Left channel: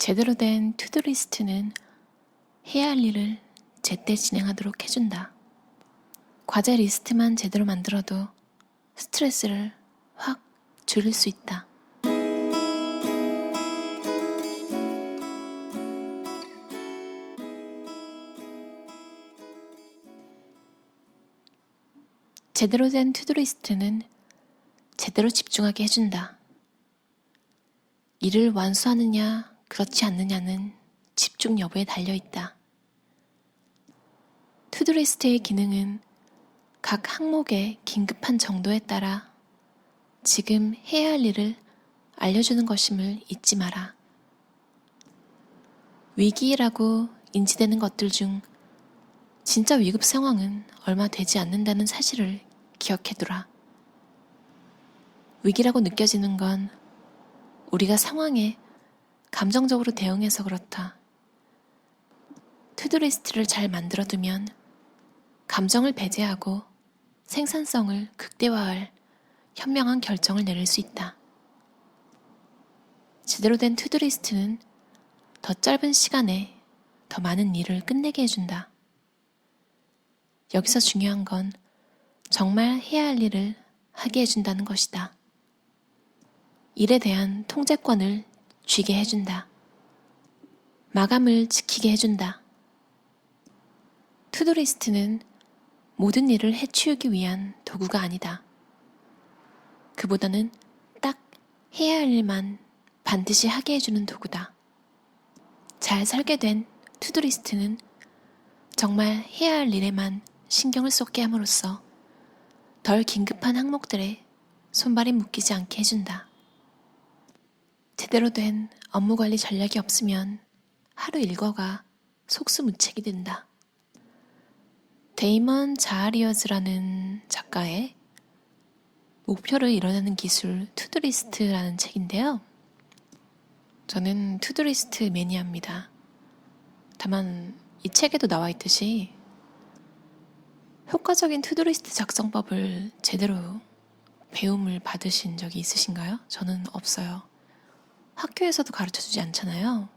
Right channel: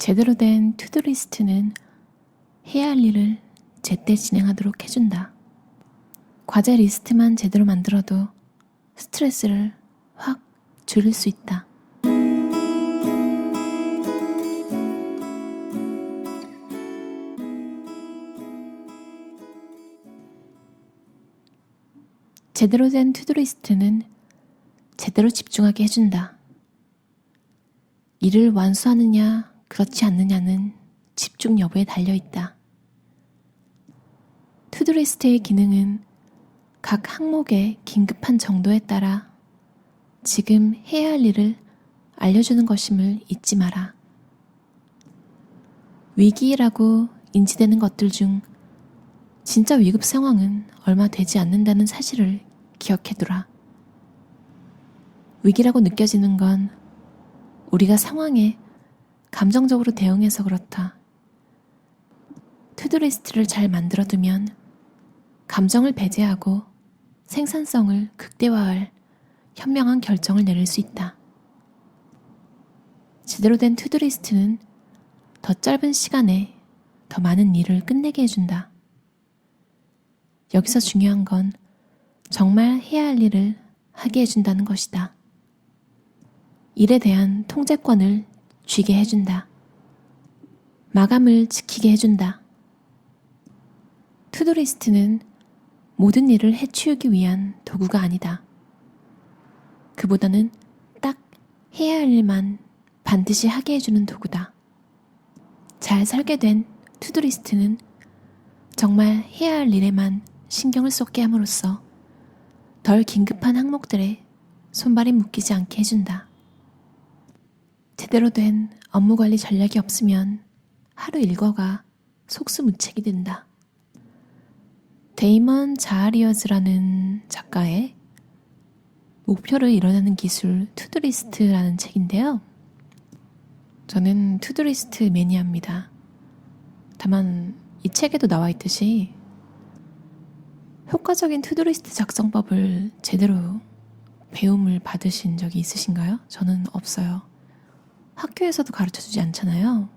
제대로 된 투두리스트는 해야 할 일을 제때 진행하도록 해준다. 과제 리스트만 제대로 만들어도 스트레스를 확 줄일 수 있다. 제대로 된 투두리스트는 제대로 집중하게 해준다. 일을 완수하느냐, 그렇지 않느냐는 집중 여부에 달려있다. 투두리스트의 기능은 각 항목의 긴급한 정도에 따라 지금 해야 할 일을 알려주는 것임을 잊지 마라. 위기라고 인지되는 것들 중 진짜 위급 상황은 얼마 되지 않는다는 사실을 기억해두라. 위기라고 느껴지는 건 우리가 상황에 감정적으로 대응해서 그렇다. 투두리스트를 잘 만들어두면 감정을 배제하고 생산성을 극대화할 현명한 결정을 내릴 수 있다. 제대로 된 투두리스트는 더 짧은 시간에 더 많은 일을 끝내게 해준다. 여기서 중요한 건 정말 해야 할 일을 하게 해준다는 것이다. 일에 대한 통제권을 쥐게 해준다. 마감을 지키게 해준다. 투두리스트는 모든 일을 해치우기 위한 도구가 아니다. 그보다는 딱 해야 할 일만 반드시 하게 해주는 도구다. 잘 설계된 투두리스트는 정말 해야 할 일에만 신경을 쏟게 함으로써 덜 긴급한 항목들에 손발이 묶이지 않게 해준다. 제대로 된 업무관리 전략이 없으면 하루 일과가 속수무책이 된다. 데이먼 자하리어즈라는 작가의 목표를 이뤄내는 기술 투두리스트라는 책인데요. 저는 투두리스트 매니아입니다. 다만 이 책에도 나와 있듯이 효과적인 투두리스트 작성법을 제대로 배움을 받으신 적이 있으신가요? 저는 없어요. 학교에서도 가르쳐주지 않잖아요.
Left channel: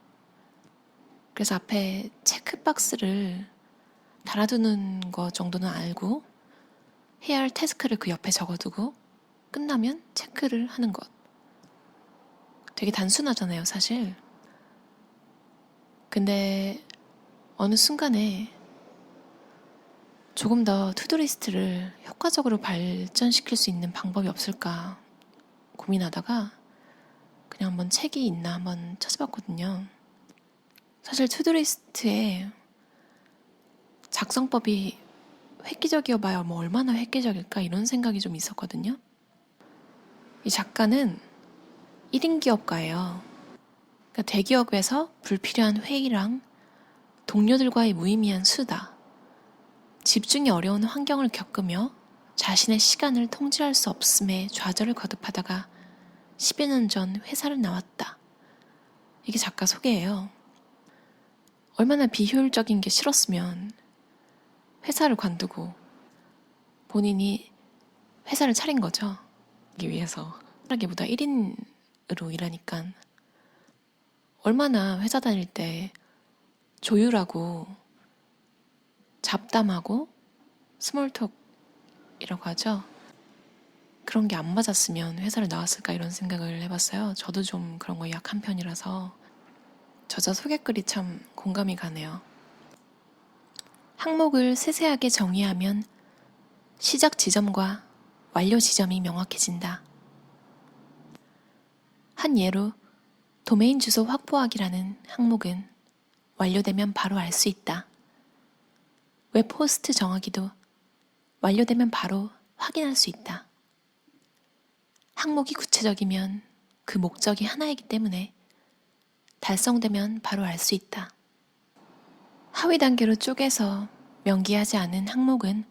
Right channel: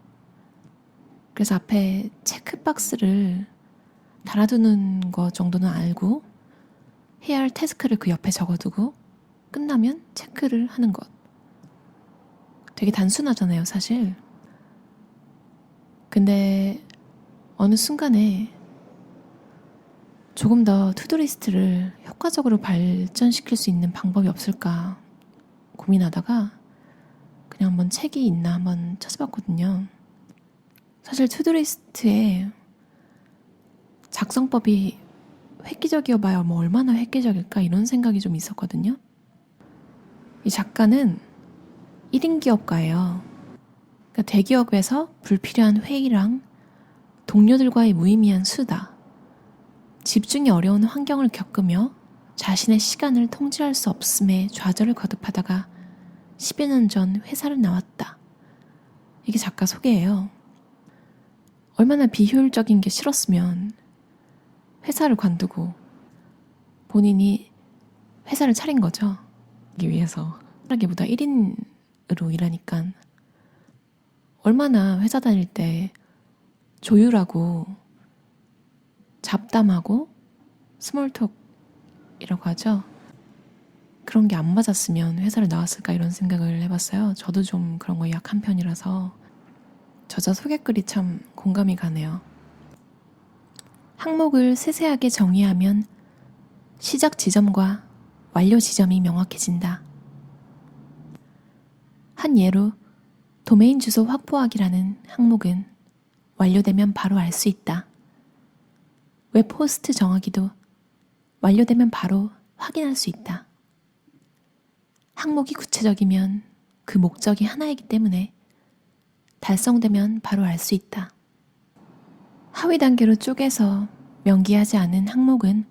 그래서 앞에 체크박스를 달아두는 거 정도는 알고 해야 할 태스크를 그 옆에 적어두고 끝나면 체크를 하는 것. 되게 단순하잖아요, 사실. 근데 어느 순간에 조금 더 투두리스트를 효과적으로 발전시킬 수 있는 방법이 없을까 고민하다가 그냥 한번 책이 있나 한번 찾아봤거든요. 사실 투두리스트의 작성법이 획기적이어봐야 뭐 얼마나 획기적일까 이런 생각이 좀 있었거든요. 이 작가는 1인 기업가예요. 그러니까 대기업에서 불필요한 회의랑 동료들과의 무의미한 수다, 집중이 어려운 환경을 겪으며 자신의 시간을 통제할 수 없음에 좌절을 거듭하다가 10여 년 전 회사를 나왔다. 이게 작가 소개예요. 얼마나 비효율적인 게 싫었으면 회사를 관두고 본인이 회사를 차린 거죠. 하기 위해서. 하기보다 1인으로 일하니까 얼마나 회사 다닐 때 조율하고 잡담하고 스몰톡이라고 하죠. 그런 게 안 맞았으면 회사를 나왔을까 이런 생각을 해봤어요. 저도 좀 그런 거 약한 편이라서 저자 소개글이 참 공감이 가네요. 항목을 세세하게 정의하면 시작 지점과 완료 지점이 명확해진다. 한 예로 도메인 주소 확보하기라는 항목은 완료되면 바로 알 수 있다. 웹 호스트 정하기도 완료되면 바로 확인할 수 있다. 항목이 구체적이면 그 목적이 하나이기 때문에 달성되면 바로 알 수 있다. 하위 단계로 쪼개서 명기하지 않은 항목은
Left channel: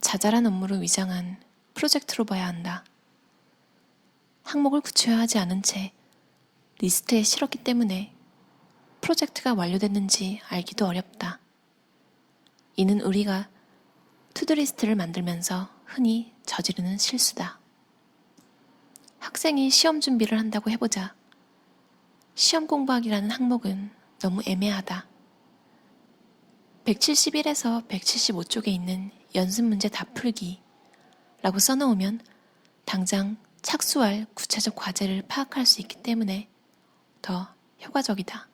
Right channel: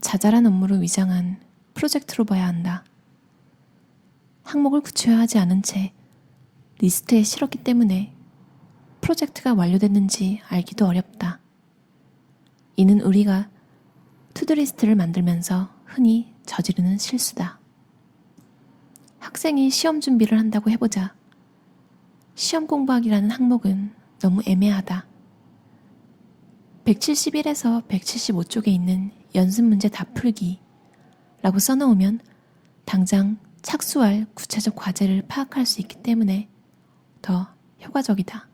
자잘한 업무로 위장한 프로젝트로 봐야 한다. 항목을 구체화하지 않은 채 리스트에 실었기 때문에 프로젝트가 완료됐는지 알기도 어렵다. 이는 우리가 투두리스트를 만들면서 흔히 저지르는 실수다. 학생이 시험 준비를 한다고 해보자. 시험 공부하기라는 항목은 너무 애매하다. 171에서 175쪽에 있는 연습 문제 다 풀기 라고 써놓으면 당장 착수할 구체적 과제를 파악할 수 있기 때문에 더 효과적이다.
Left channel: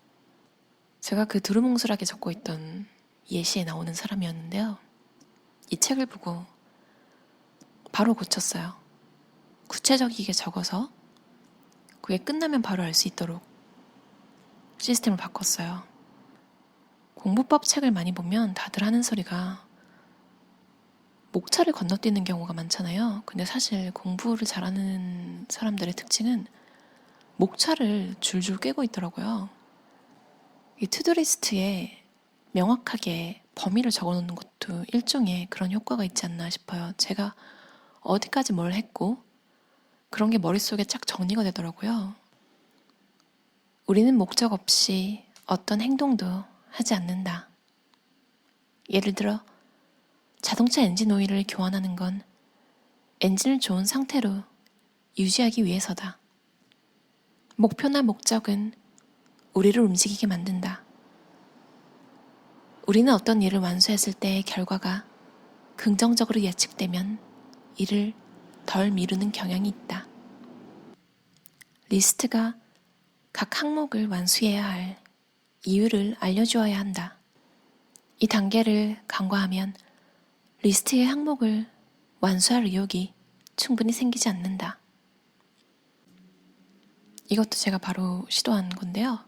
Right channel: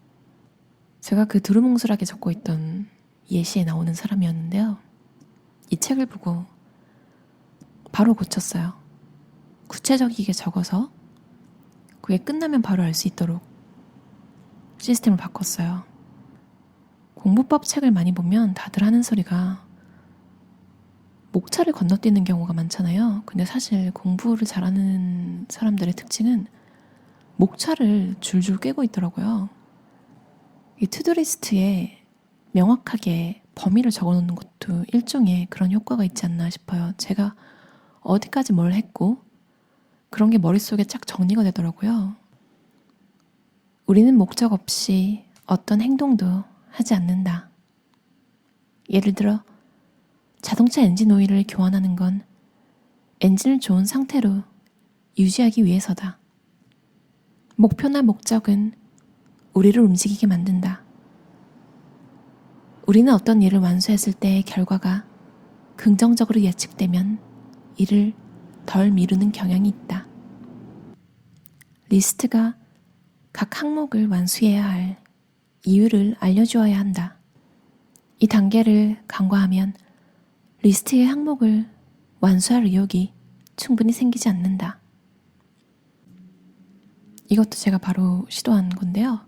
제가 그 두루뭉술하게 적고 있던 예시에 나오는 사람이었는데요. 이 책을 보고 바로 고쳤어요. 구체적이게 적어서 그게 끝나면 바로 알 수 있도록 시스템을 바꿨어요. 공부법 책을 많이 보면 다들 하는 소리가 목차를 건너뛰는 경우가 많잖아요. 근데 사실 공부를 잘하는 사람들의 특징은 목차를 줄줄 꿰고 있더라고요. 이 투두리스트에 명확하게 범위를 적어놓는 것도 일종의 그런 효과가 있지 않나 싶어요. 제가 어디까지 뭘 했고 그런 게 머릿속에 쫙 정리가 되더라고요. 우리는 목적 없이 어떤 행동도 하지 않는다. 예를 들어 자동차 엔진 오일을 교환하는 건 엔진을 좋은 상태로 유지하기 위해서다. 목표나 목적은 우리를 움직이게 만든다. 우리는 어떤 일을 완수했을 때의 결과가 긍정적으로 예측되면 이를 덜 미루는 경향이 있다. 리스트가 각 항목을 완수해야 할 이유를 알려주어야 한다. 이 단계를 간과하면 리스트의 항목을 완수할 의욕이 충분히 생기지 않는다. 이것도 제가 바로 시도한 건데요.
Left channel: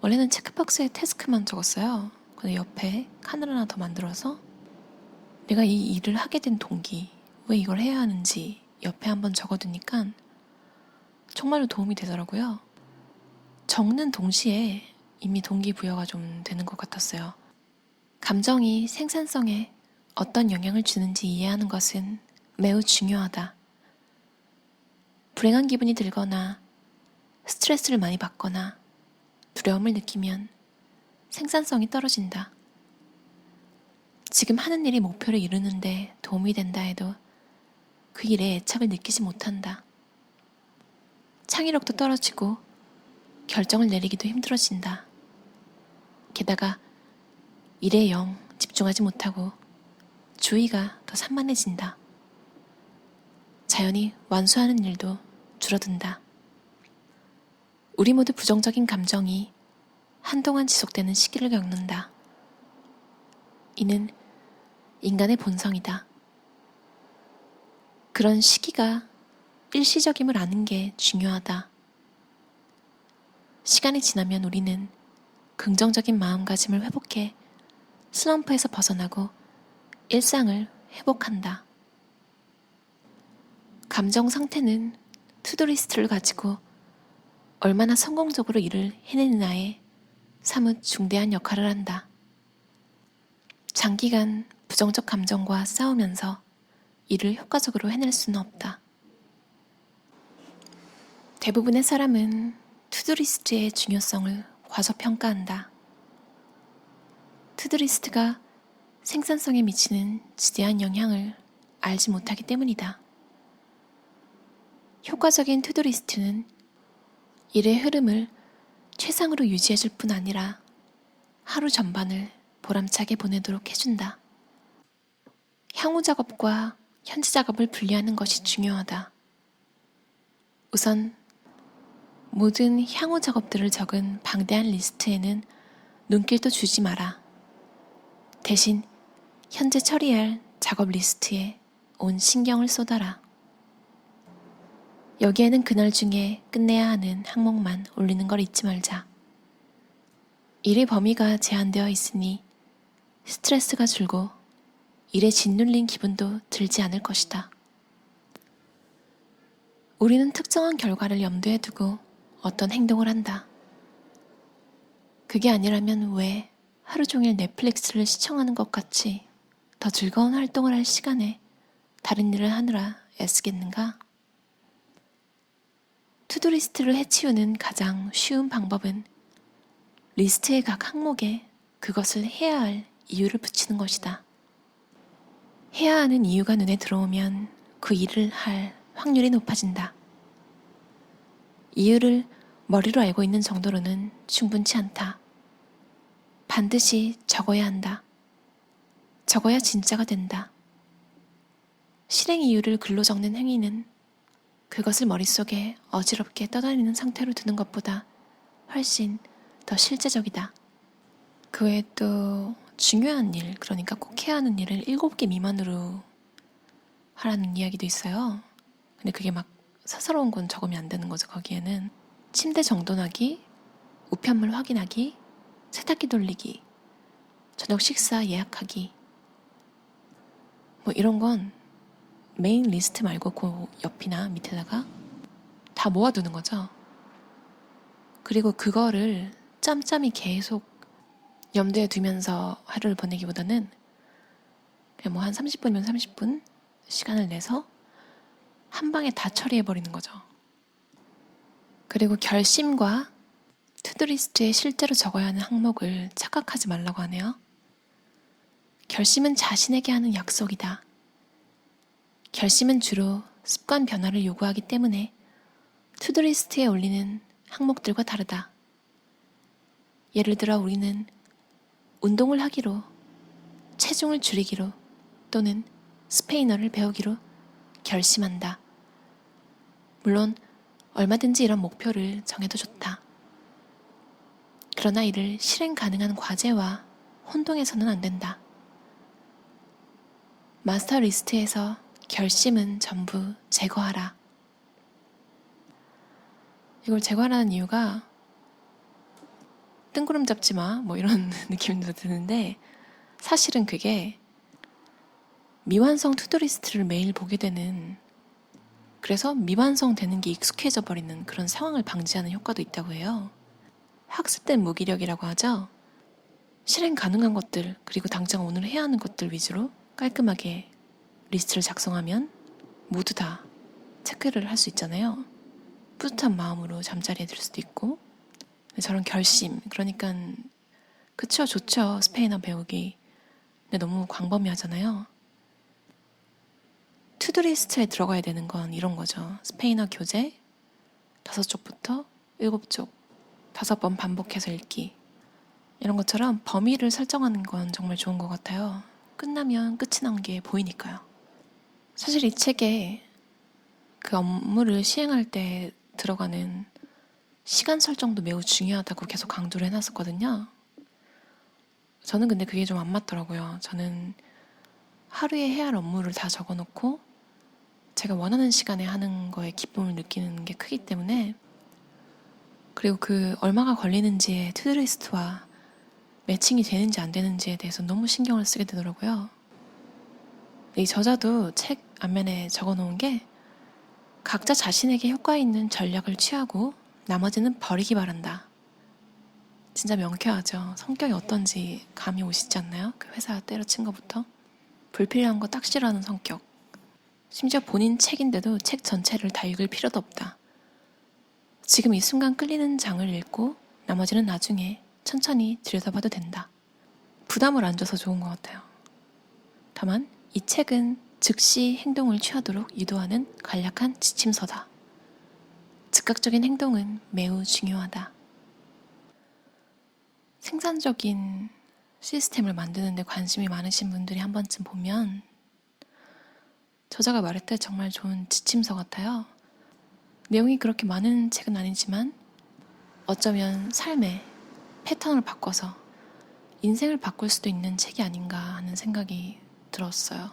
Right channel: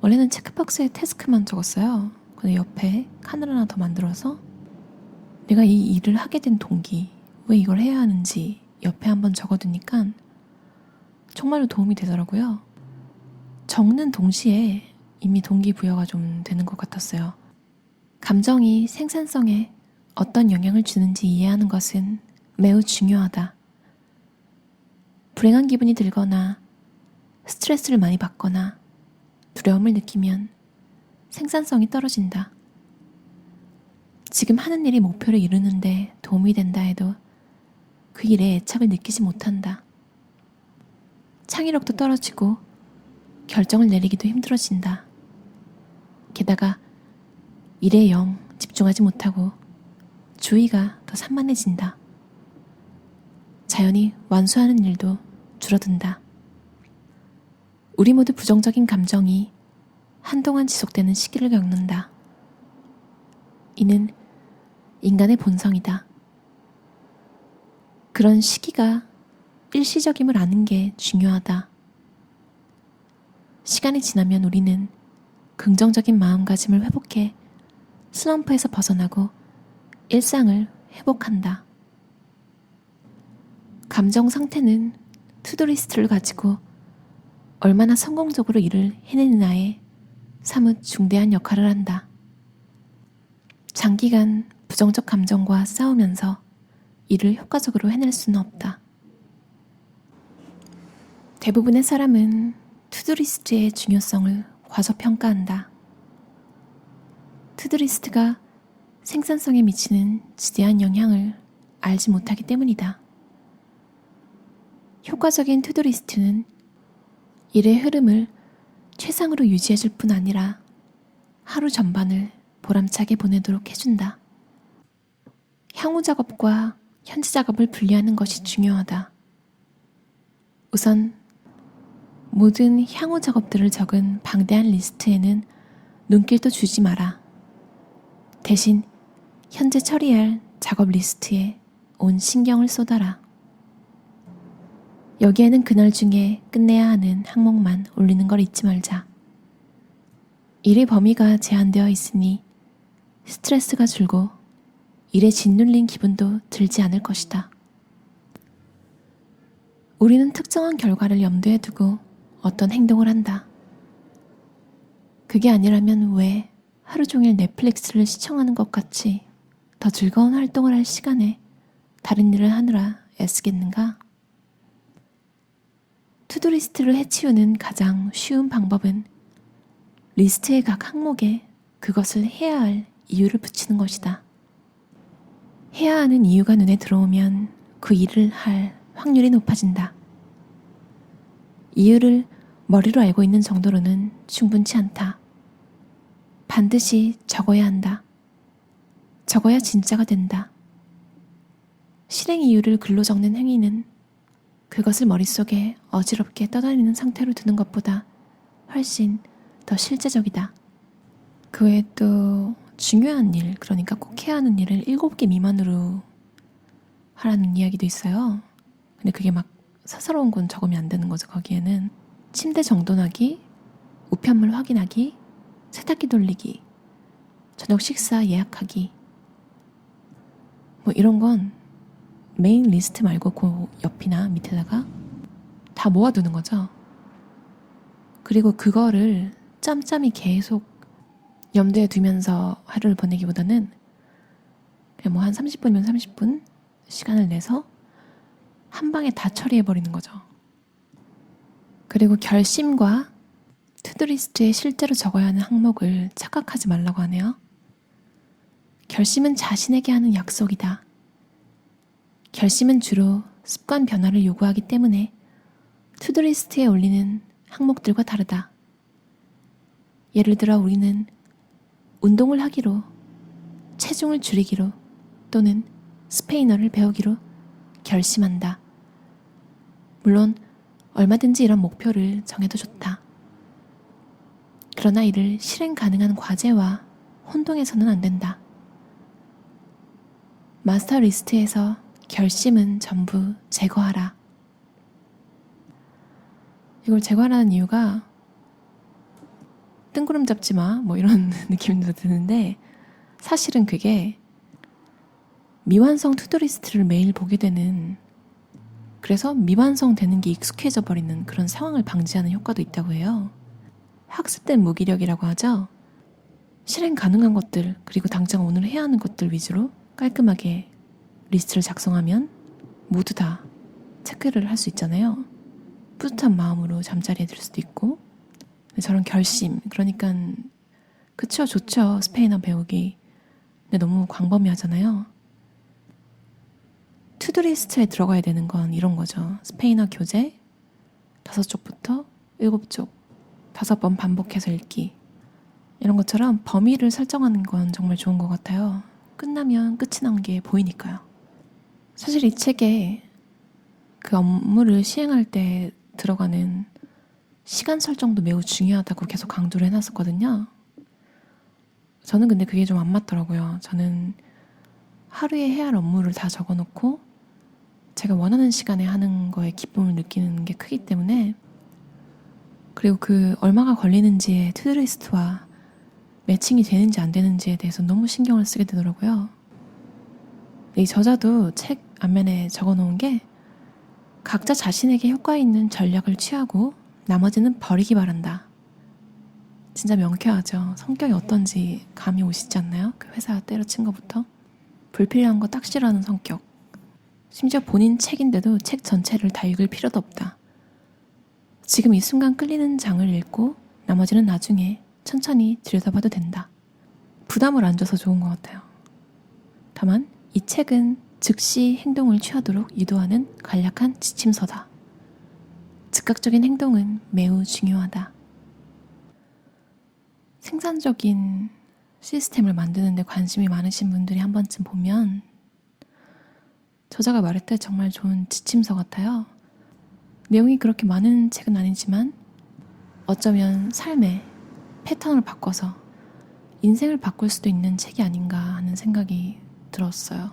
원래는 체크박스에 태스크만 적었어요. 근데 옆에 칸을 하나 더 만들어서 내가 이 일을 하게 된 동기, 왜 이걸 해야 하는지 옆에 한번 적어두니까 정말로 도움이 되더라고요. 적는 동시에 이미 동기부여가 좀 되는 것 같았어요. 감정이 생산성에 어떤 영향을 주는지 이해하는 것은 매우 중요하다. 불행한 기분이 들거나 스트레스를 많이 받거나 두려움을 느끼면 생산성이 떨어진다. 지금 하는 일이 목표를 이루는데 도움이 된다 해도 그 일에 애착을 느끼지 못한다. 창의력도 떨어지고 결정을 내리기도 힘들어진다. 게다가 일에 영 집중하지 못하고 주의가 더 산만해진다. 자연히 완수하는 일도 줄어든다. 우리 모두 부정적인 감정이 한동안 지속되는 시기를 겪는다. 이는 인간의 본성이다. 그런 시기가 일시적임을 아는 게 중요하다. 시간이 지나면 우리는 긍정적인 마음가짐을 회복해 슬럼프에서 벗어나고 일상을 회복한다. 감정 상태는 투두리스트를 가지고 얼마나 성공적으로 일을 해내느냐에 사뭇 중대한 역할을 한다. 장기간 부정적 감정과 싸우면서 일을 효과적으로 해낼 수는 없다. 대부분의 사람은 투두리스트의 중요성을 과소평가한다. 투두리스트가 생산성에 미치는 지대한 영향을 알지 못하기 때문이다. 효과적인 투두리스트는 일의 흐름을 최상으로 유지해줄 뿐 아니라 하루 전반을 보람차게 보내도록 해준다. 향후 작업과 현재 작업을 분리하는 것이 중요하다. 우선 모든 향후 작업들을 적은 방대한 리스트에는 눈길도 주지 마라. 대신 현재 처리할 작업 리스트에 온 신경을 쏟아라. 여기에는 그날 중에 끝내야 하는 항목만 올리는 걸 잊지 말자. 일의 범위가 제한되어 있으니 스트레스가 줄고 일에 짓눌린 기분도 들지 않을 것이다. 우리는 특정한 결과를 염두에 두고 어떤 행동을 한다. 그게 아니라면 왜 하루 종일 넷플릭스를 시청하는 것 같이 더 즐거운 활동을 할 시간에 다른 일을 하느라 애쓰겠는가? 투두리스트를 해치우는 가장 쉬운 방법은 리스트의 각 항목에 그것을 해야 할 이유를 붙이는 것이다. 해야 하는 이유가 눈에 들어오면 그 일을 할 확률이 높아진다. 이유를 머리로 알고 있는 정도로는 충분치 않다. 반드시 적어야 한다. 적어야 진짜가 된다. 실행 이유를 글로 적는 행위는 그것을 머릿속에 어지럽게 떠다니는 상태로 두는 것보다 훨씬 더 실제적이다. 그 외에 또 중요한 일, 그러니까 꼭 해야 하는 일을 7개 미만으로 하라는 이야기도 있어요. 근데 그게 막 사사로운 건 적으면 안 되는 거죠. 거기에는 침대 정돈하기, 우편물 확인하기, 세탁기 돌리기, 저녁 식사 예약하기, 뭐 이런 건 메인 리스트 말고 그 옆이나 밑에다가 다 모아두는 거죠. 그리고 그거를 짬짬이 계속 염두에 두면서 하루를 보내기보다는 그냥 뭐 한 30분이면 30분 시간을 내서 한 방에 다 처리해버리는 거죠. 그리고 결심과 투두리스트에 실제로 적어야 하는 항목을 착각하지 말라고 하네요. 결심은 자신에게 하는 약속이다. 결심은 주로 습관 변화를 요구하기 때문에 투두리스트에 올리는 항목들과 다르다. 예를 들어 우리는 운동을 하기로, 체중을 줄이기로 또는 스페인어를 배우기로 결심한다. 물론 얼마든지 이런 목표를 정해도 좋다. 그러나 이를 실행 가능한 과제와 혼동해서는 안 된다. 마스터 리스트에서 결심은 전부 제거하라. 이걸 제거하라는 이유가 뜬구름 잡지 마, 뭐 이런 느낌도 드는데 사실은 그게 미완성 투두리스트를 매일 보게 되는, 그래서 미완성되는 게 익숙해져 버리는 그런 상황을 방지하는 효과도 있다고 해요. 학습된 무기력이라고 하죠. 실행 가능한 것들, 그리고 당장 오늘 해야 하는 것들 위주로 깔끔하게 리스트를 작성하면 모두 다 체크를 할 수 있잖아요. 뿌듯한 마음으로 잠자리에 들 수도 있고. 저런 결심, 그러니까 그쵸, 좋죠. 스페인어 배우기. 근데 너무 광범위하잖아요. 투두리스트에 들어가야 되는 건 이런 거죠. 스페인어 교재 5쪽부터 7쪽 5번 반복해서 읽기. 이런 것처럼 범위를 설정하는 건 정말 좋은 것 같아요. 끝나면 끝이 난 게 보이니까요. 사실 이 책에 그 업무를 시행할 때 들어가는 시간 설정도 매우 중요하다고 계속 강조를 해놨었거든요. 저는 근데 그게 좀 안 맞더라고요. 저는 하루에 해야 할 업무를 다 적어놓고 제가 원하는 시간에 하는 거에 기쁨을 느끼는 게 크기 때문에, 그리고 그 얼마가 걸리는지의 투두리스트와 매칭이 되는지 안 되는지에 대해서 너무 신경을 쓰게 되더라고요. 이 저자도 책 앞면에 적어놓은 게 각자 자신에게 효과 있는 전략을 취하고 나머지는 버리기 바란다. 진짜 명쾌하죠. 성격이 어떤지 감이 오시지 않나요? 그 회사 때려친 것부터. 불필요한 거 딱 싫어하는 성격. 심지어 본인 책인데도 책 전체를 다 읽을 필요도 없다. 지금 이 순간 끌리는 장을 읽고 나머지는 나중에 천천히 들여다봐도 된다. 부담을 안 줘서 좋은 것 같아요. 다만 이 책은 즉시 행동을 취하도록 유도하는 간략한 지침서다. 즉각적인 행동은 매우 중요하다. 생산적인 시스템을 만드는 데 관심이 많으신 분들이 한 번쯤 보면 저자가 말했듯 정말 좋은 지침서 같아요. 내용이 그렇게 많은 책은 아니지만 어쩌면 삶의 패턴을 바꿔서 인생을 바꿀 수도 있는 책이 아닌가 하는 생각이 들었어요.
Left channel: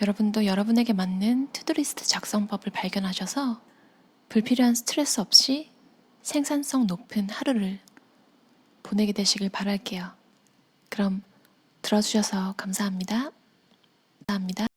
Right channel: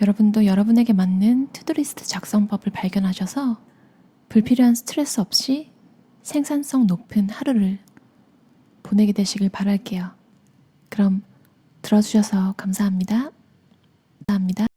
여러분도 여러분에게 맞는 투두리스트 작성법을 발견하셔서 불필요한 스트레스 없이 생산성 높은 하루를 보내게 되시길 바랄게요. 그럼 들어주셔서 감사합니다. 감사합니다.